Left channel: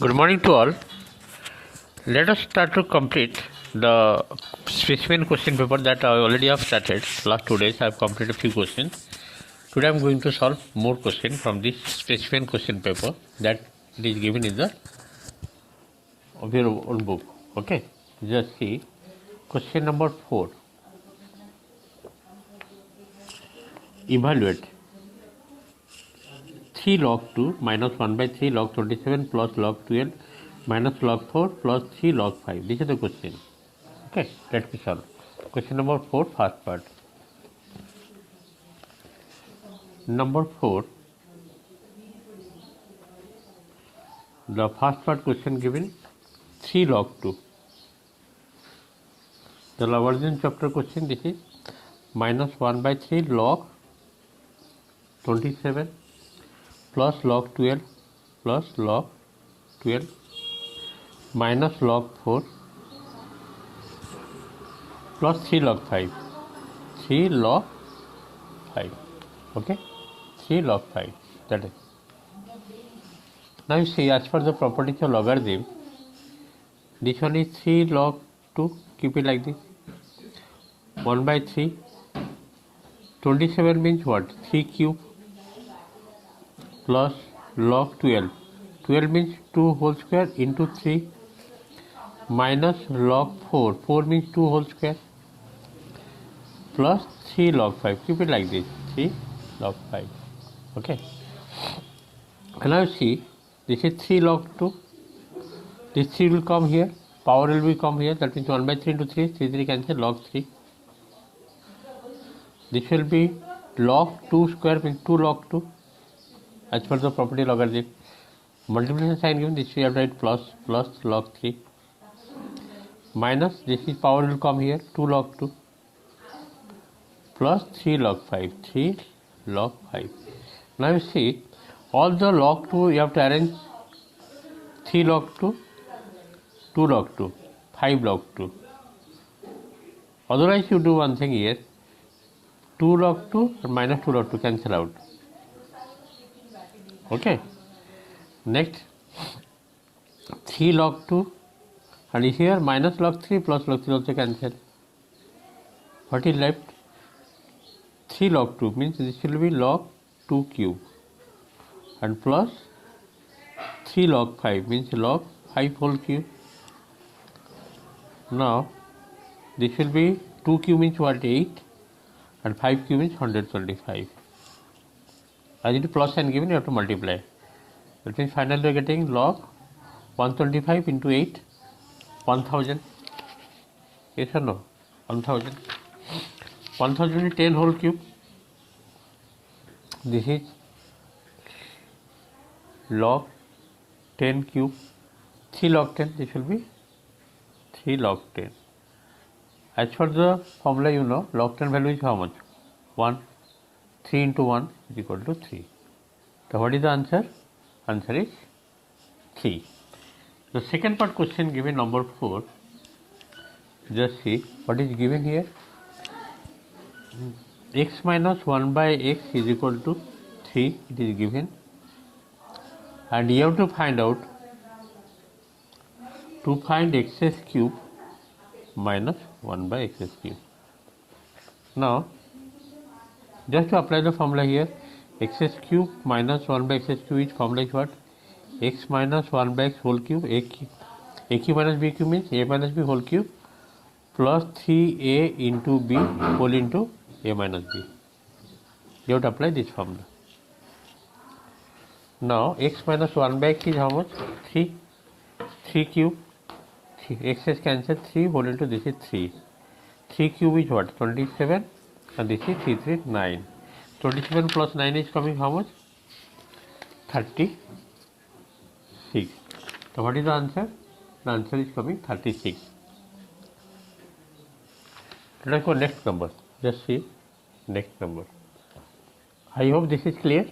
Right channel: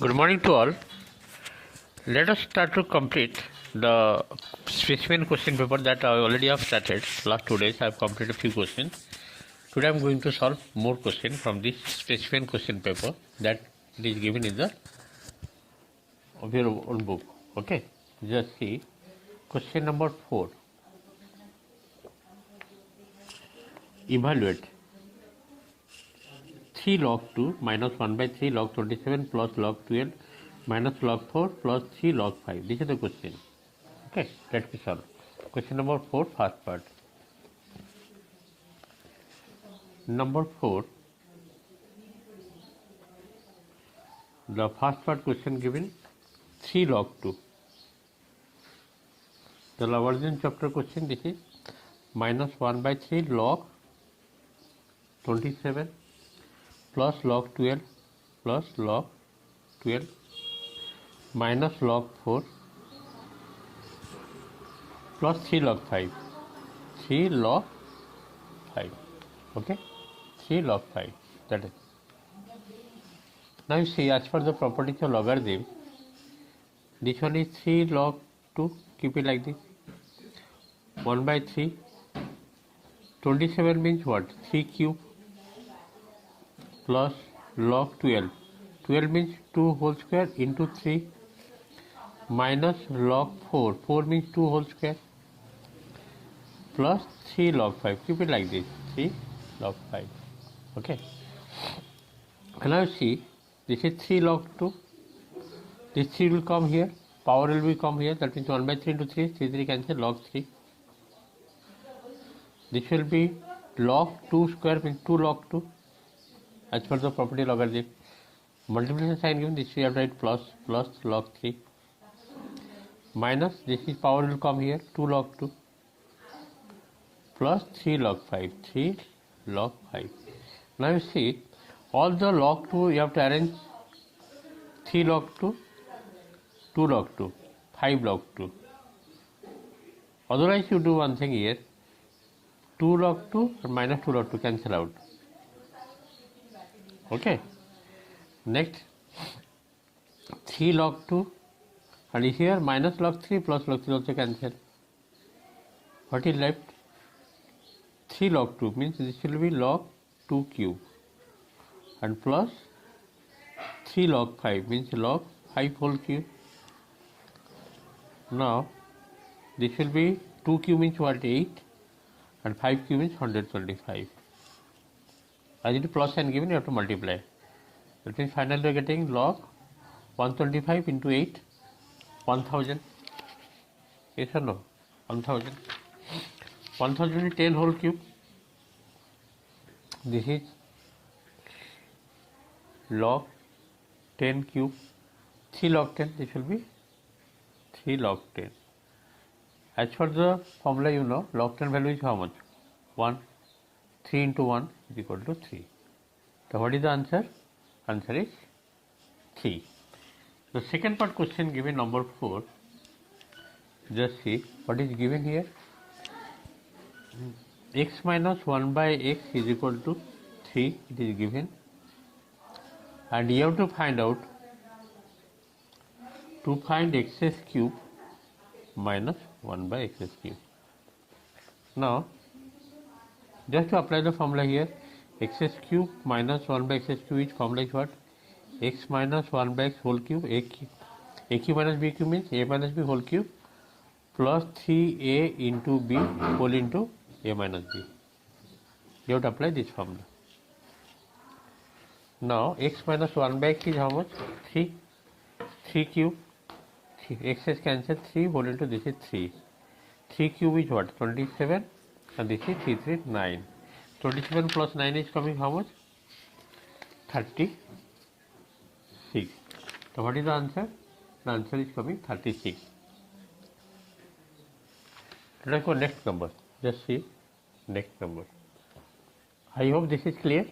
Good morning to all. Let us start to complete the specimen question paper that I already have started. Last 2 days I have completed a few questions. Today I am going to solve more questions from this specimen question paper that is given in the of your own book. Okay, just see question number 4. Evaluate 3 log 2 minus 1 by 3 log 27 plus log 12 minus log 4 plus 3 log 5. This is the question. Okay, let me solve. Question number 4, first part. Number 4, the first part question given 3 log 2. The Lagrangian chapter question, this is minus 1 by 3 log 27 plus log 12 plus log 12 minus log 4 plus 3 log 5. 3 log 5. Okay, 3 log 5. That is. Now you see, as per the properties of logarithm, this one is 3 log 2. Keep it like this. 1 by 3. 27 means what? 3 cube plus log 12. 12 means 2 whole square into 3 minus log 4. 4 means 2 whole square plus 3 log 5. Keep it like this. 3 log 5. Okay. And now see, this is 3 log 2. This 3 will come here. Power will come here. That means 1 by 3 into 3. 3 cancel. Log 3. This will be log 2 square means 2 log 2. As per the property logarithm. Multiplication sign given, this we have to write plus log 3 minus, this is power will come here, 2 log 2 plus 3 log 5. 3 log 5. Now you see, all the log 2 you have to arrange 3 log 2, 2 log 2, 5 log 2. Otherwise you do one thing here, 2 log 2 and minus 2 log 2 cancel out. Okay. Next, 3 log 2 and here minus log 3 plus log 3 also cancel. What is left? 3 log 2 means this will be log 2 cube and plus 3 log 5 means log 5 whole cube. Now this will be 2 cube means what? 8 and 5 cube means 125. As it is plus sign given, you have to multiply. That means finally we are getting log 125 into 8, 1000. Yes or no? 1000. 1000 is 10 whole cube. This is log 10 cube. 3 log 10. This will be 3 log 10. As for the formula, you know, log 10 value is how much? 1. 3 into 1 is equal to 3. So what is the answer? Answer is 3. The second part question given number 4. Just see what is given here. X minus 1 by x is equal to 3. It is given. And you have to find out, to find x cube minus 1 by x cube. Now, just to apply the formula here, x cube minus 1 by x cube is formula is what? X minus 1 by x whole cube, a cube minus b cube means a minus b whole cube plus 3a into b whole into a minus b. You have to apply this formula. Now x minus 1 by x is how much? 3. 3 cube. X is cancelled, 3 whole into this is 3. 3 cube is what? 27. And this is 3, 3, 9. 27 plus 9 is coming how much? 36. So what is the answer? The answer is coming 36. Let us go next number. Just see next number. I hope this is clear.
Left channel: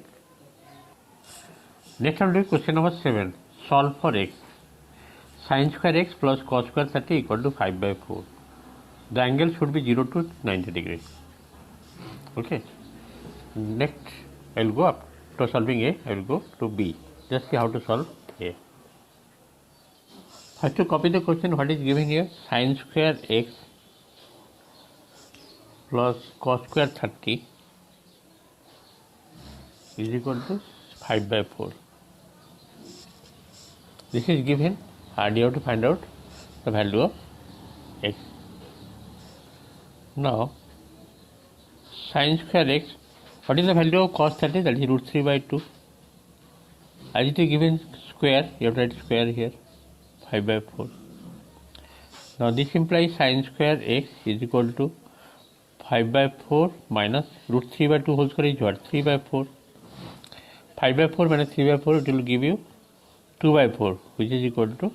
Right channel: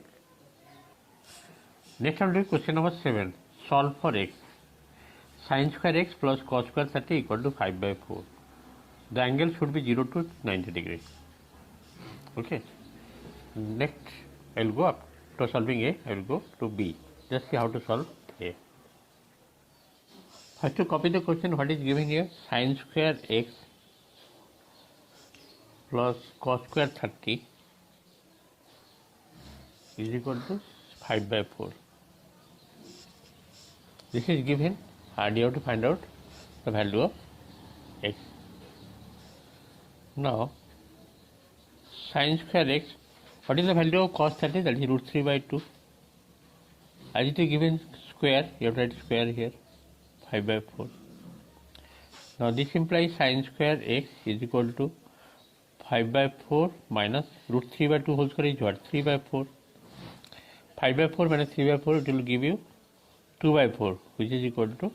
Next one is question number 7. Solve for x. Sin square x plus cos square 30 equal to 5 by 4. The angle should be 0 to 90 degrees. Okay. Next, I will go up to solving A. I will go to B. Just see how to solve A. First to copy the question, what is given here? Sin square x plus cos square 30 is equal to 5/4. This is given, and you have to find out the value of x. Now, sin square x, what is the value of cos 30? That is root 3/2. As it is given square, you have to write square here, 5/4. Now, this implies sin square x is equal to 5/4 minus root 3/2 whole square is what? 3/4. 5/4 minus 3/4, it will give you 2/4, which is equal to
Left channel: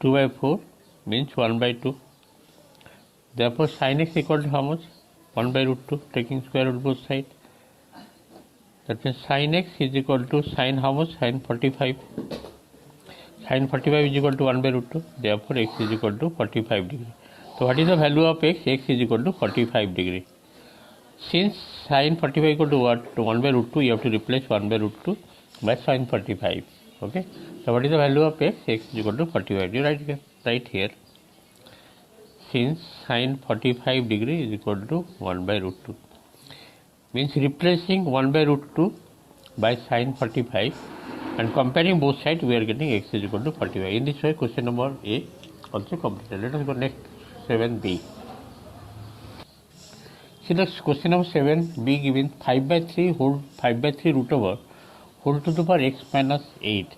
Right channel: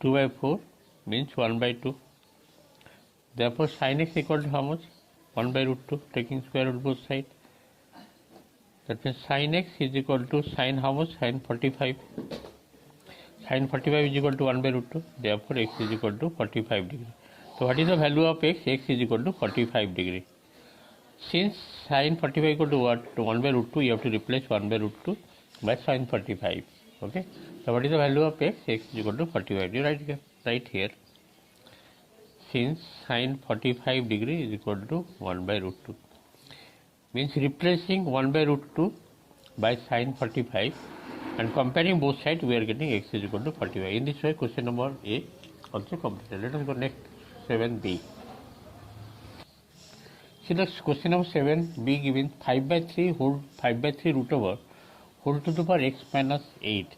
2/4 means 1/2. Therefore, sin x equal to how much? 1/√2, taking square root both sides. That means sin x is equal to sin how much? Sin 45. Sin 45 is equal to 1/√2. Therefore, x is equal to 45 degree. So, what is the value of x? X is equal to 45 degree. Since sin 45 equal to what? To 1/√2, you have to replace 1/√2 by sin 45. Okay. So, what is the value of x? X is equal to 45. You write here. Since sin 45 degree is equal to 1/√2. Means replacing 1/√2 by sin 45 and comparing both sides, we are getting x is equal to 45. In this way, question number A also completed. Let us go next, 7b. See the question number 7b given 5/3 root over whole to the power x minus 8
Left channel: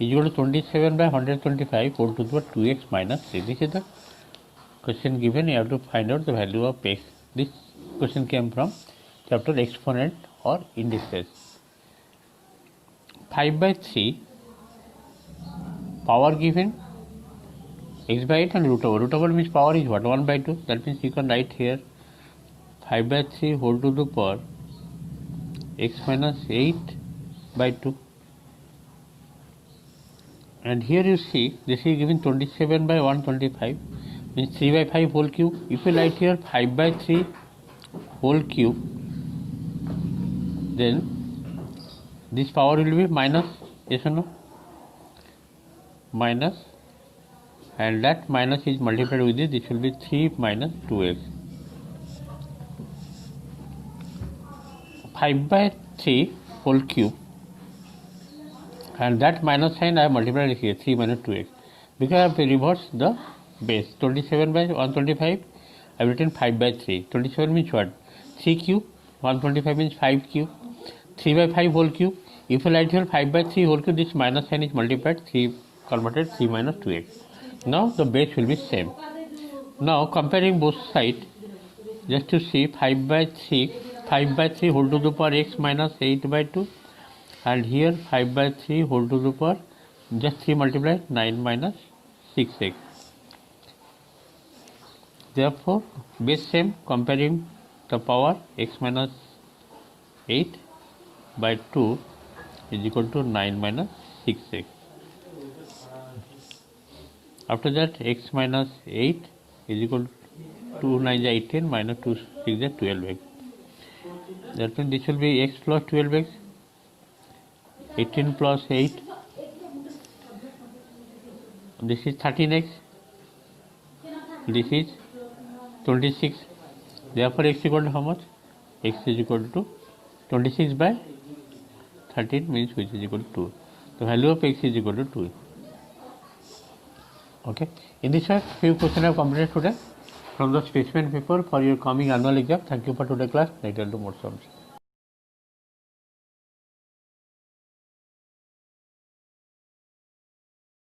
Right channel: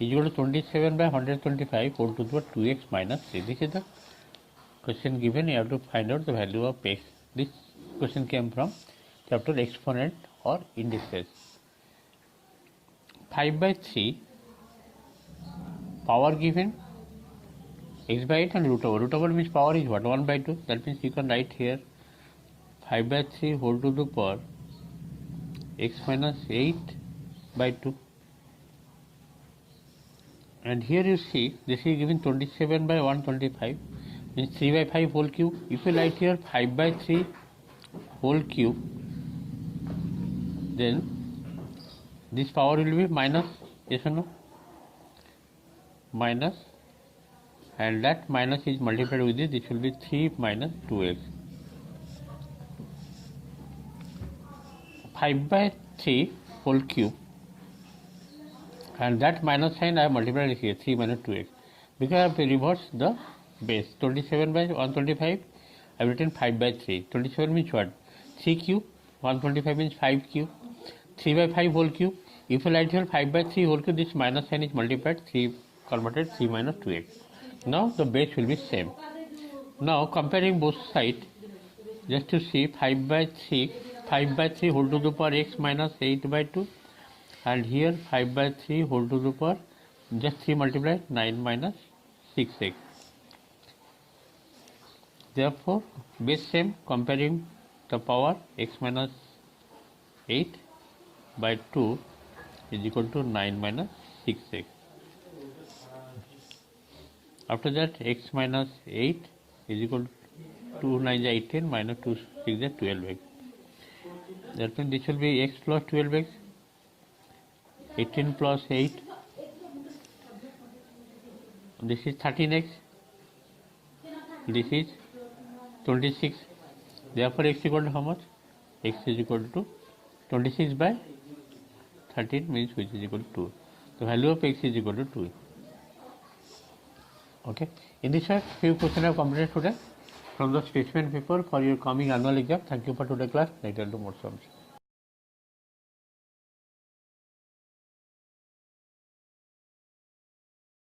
is equal to 27/125 whole to the power 2x minus 3. This is the question given. You have to find out the value of x. This question came from chapter exponent or indices. 5/3 power given x by 8 and root over. Root over means power is what? 1/2. That means you can write here 5/3 whole to the power x minus 8/2. And here you see this is given 27/125 means 3/5 whole cube. If you write here 5/3 whole cube, then this power will be minus, yes or no? Minus, and that minus is multiplied with this. This will be 3 minus 2x. 5/3 whole cube, and that minus sign I have multiplied here, 3 minus 2x. Because I have reversed the base, 27/125, I have written 5/3. 27 means what? 3 cube, 125 means 5 cube, 3/5 whole cube. If you write here 5/3 whole cube, this minus sign is multiplied, 3 converted, 3 minus 2x. Now the base will be same. Now comparing both sides, just to see 5/3 whole to the power x minus 8/2, and here 5/3 whole to the power just 3 multiply 9 minus 6x. Therefore, base same, comparing the power x minus 8/2 is equal to 9 minus 6x. After that, x minus 8 is equal to 2 9 is 18 minus 2 6 is 12x. That means this will be x plus 12x, 18 plus 8, this is 13x, this is 26. Therefore, x equal to how much? X is equal to 26/13 means which is equal to 2. The value of x is equal to 2. Okay. In this way, few questions are completed today from the specimen paper for your coming annual exam. Thank you for today's class. Later to more sums.